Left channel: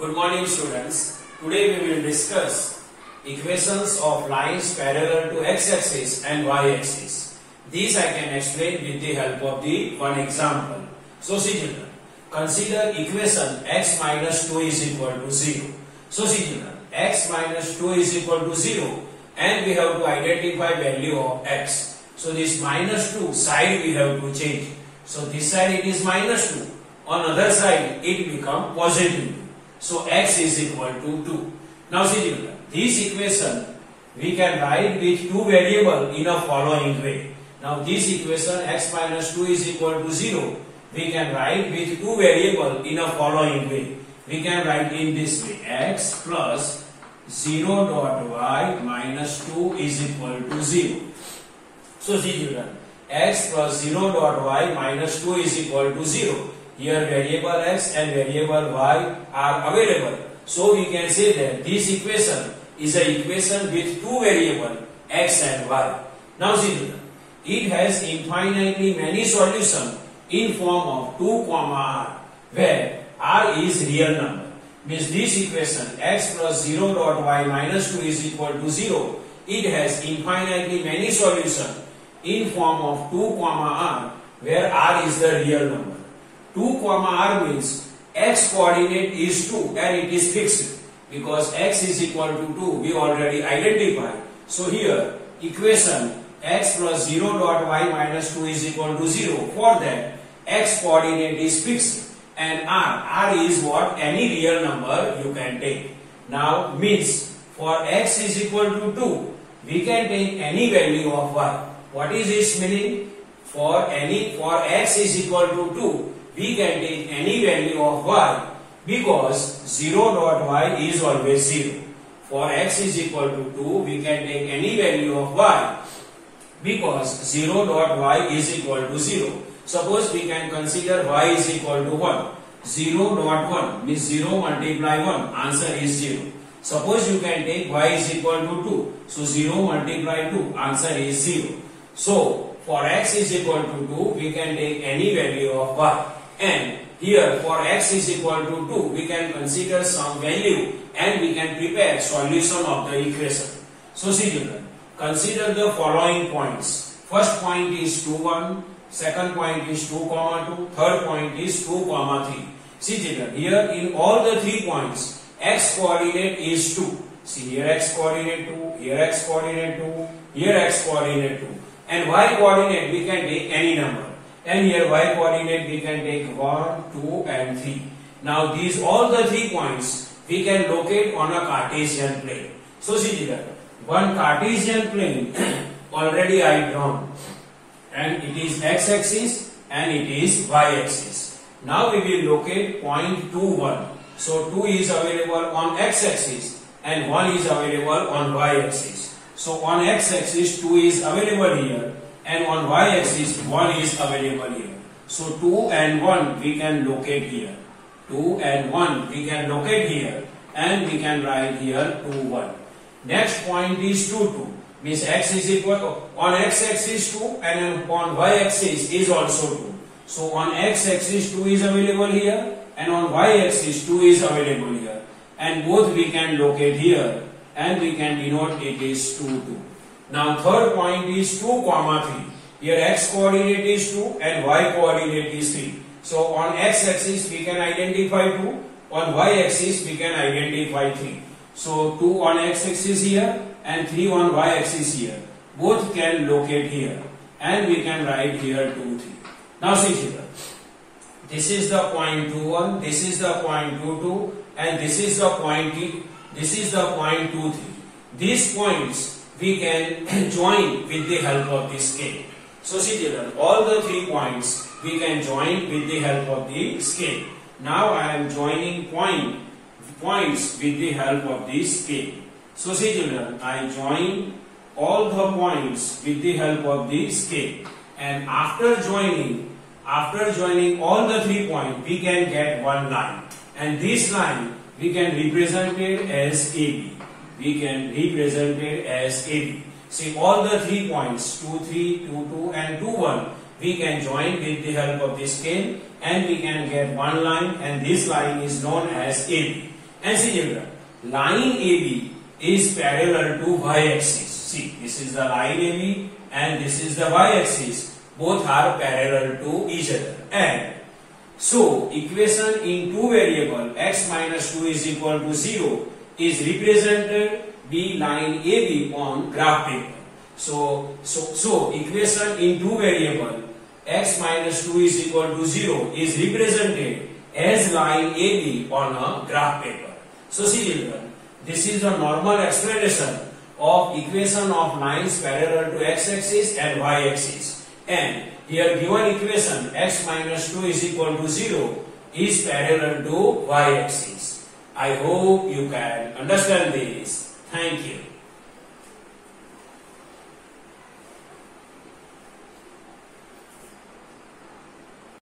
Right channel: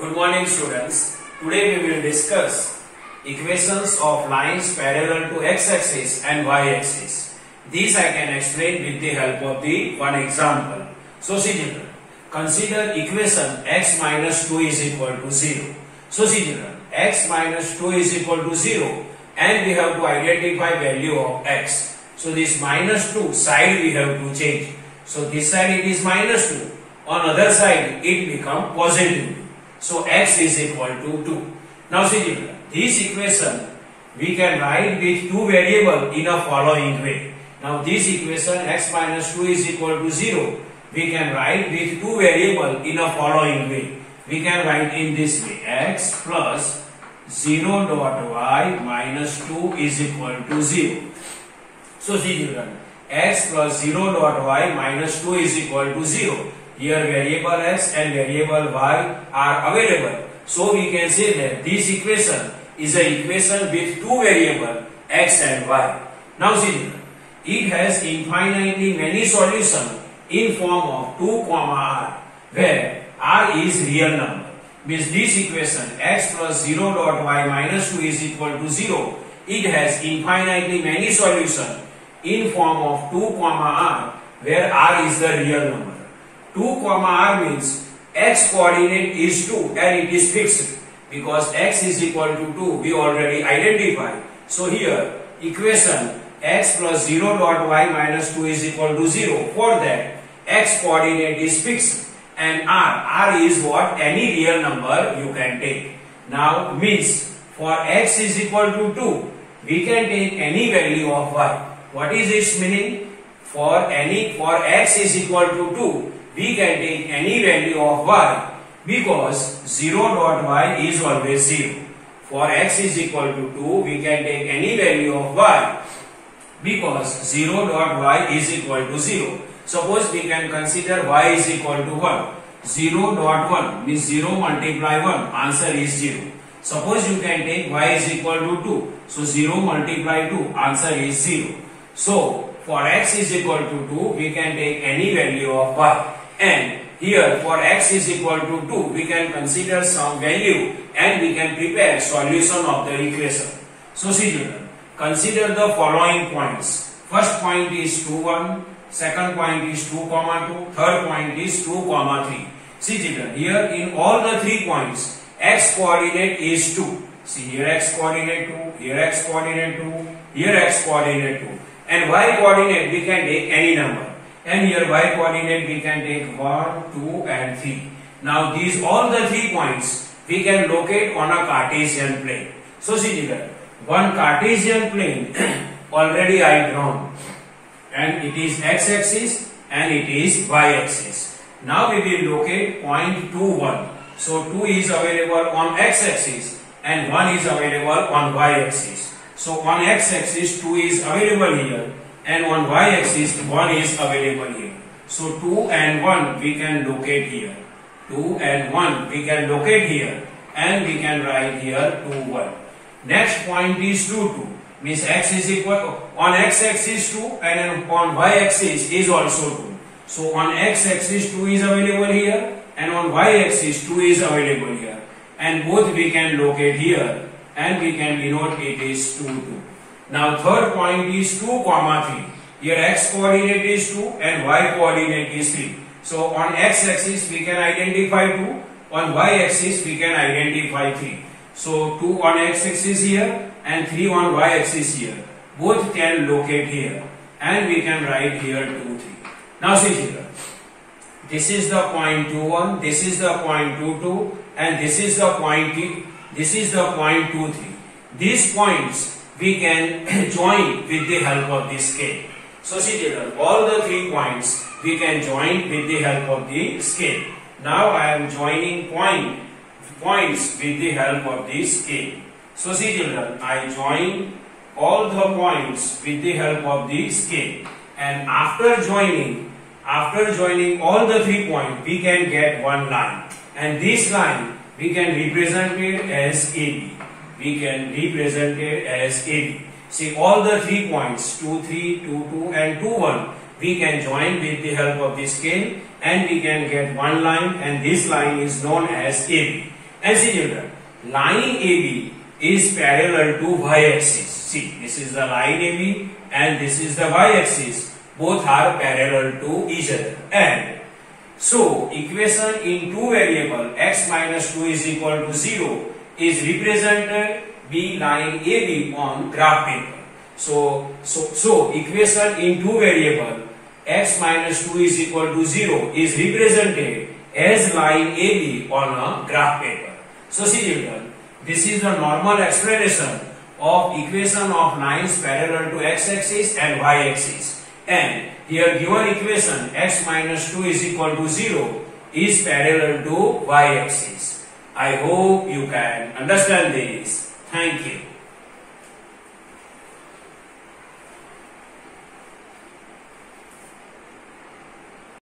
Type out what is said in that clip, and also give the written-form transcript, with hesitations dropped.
Good morning students. Today we will discuss equations of lines parallel to x-axis and y-axis. These I can explain with the help of the one example. So see children, consider equation x minus 2 is equal to 0. So see children, x minus 2 is equal to 0 and we have to identify value of x. So this minus 2 side we have to change. So this side it is minus 2. On other side it become positive. So x is equal to 2. Now see children, this equation we can write with two variables in a following way. Now this equation x minus 2 is equal to 0 we can write with two variables in a following way. We can write in this way, x plus 0 dot y minus 2 is equal to 0. So see children, x plus 0 dot y minus 2 is equal to 0. Here variable x and variable y are available. So we can say that this equation is an equation with two variables x and y. Now see children, it has infinitely many solutions in form of 2, r, where r is real number. Means this equation x plus 0 dot y minus 2 is equal to 0. It has infinitely many solutions in form of 2, r, where r is the real number. 2, r means x coordinate is 2 and it is fixed because x is equal to 2 we already identified. So here equation x plus 0 dot y minus 2 is equal to 0. For that x coordinate is fixed and r is what? Any real number you can take. Now means for x is equal to 2 we can take any value of y. What is its meaning? For x is equal to 2 we can take any value of y because 0 dot y is always 0. For x is equal to 2 we can take any value of y because 0 dot y is equal to 0. Suppose we can consider y is equal to 1. 0 dot 1 means 0 multiply 1, answer is 0. Suppose you can take y is equal to 2. So 0 multiply 2, answer is 0. So for x is equal to 2 we can take any value of y. And here for x is equal to 2 we can consider some value and we can prepare solution of the equation. So see children, consider the following points. First point is 2, 1. Second point is 2, 2. Third point is 2, 3. See children, here in all the 3 points x coordinate is 2. See here x coordinate 2, here x coordinate 2, here x coordinate 2. And y coordinate we can take any number. And here y coordinate we can take 1, 2 and 3. Now these all the 3 points we can locate on a Cartesian plane. So see children, one Cartesian plane already I drawn and it is x-axis and it is y-axis. Now we will locate point 2, 1. So 2 is available on x-axis and 1 is available on y-axis. So on x-axis 2 is available here and on y-axis 1 is available here. So 2 and 1 we can locate here. 2 and 1 we can locate here and we can write here 2, 1. Next point is 2, 2. Means x is equal on x-axis 2 and on y-axis is also 2. So on x-axis 2 is available here and on y-axis 2 is available here. And both we can locate here and we can denote it is 2, 2. Now third point is 2, 3. Here x coordinate is 2 and y coordinate is 3. So on x-axis we can identify 2, on y-axis we can identify 3. So 2 on x-axis here and 3 on y-axis here. Both can locate here and we can write here 2, 3. Now see children, this is the point 2, 1, this is the point 2, 2 and this is the point 2, 3. These points we can join with the help of the scale. So see children, all the 3 points we can join with the help of the scale. Now I am joining points with the help of the scale. So see children, I join all the points with the help of the scale. And after joining all the 3 points we can get one line. And this line we can represent it as AB. We can represent it as AB. See all the 3 points 2, 3, 2, 2 and 2, 1 we can join with the help of the scale and we can get one line, and this line is known as AB. And see children, line AB is parallel to y-axis. See, this is the line AB and this is the y-axis. Both are parallel to each other. And so, equation in two variable x minus 2 is equal to 0 is represented by line AB on graph paper. So equation in two variable x minus 2 is equal to 0 is represented as line AB on a graph paper. So see children, this is the normal explanation of equation of lines parallel to x-axis and y-axis. And here given equation x minus 2 is equal to 0 is parallel to y-axis. I hope you can understand this. Thank you.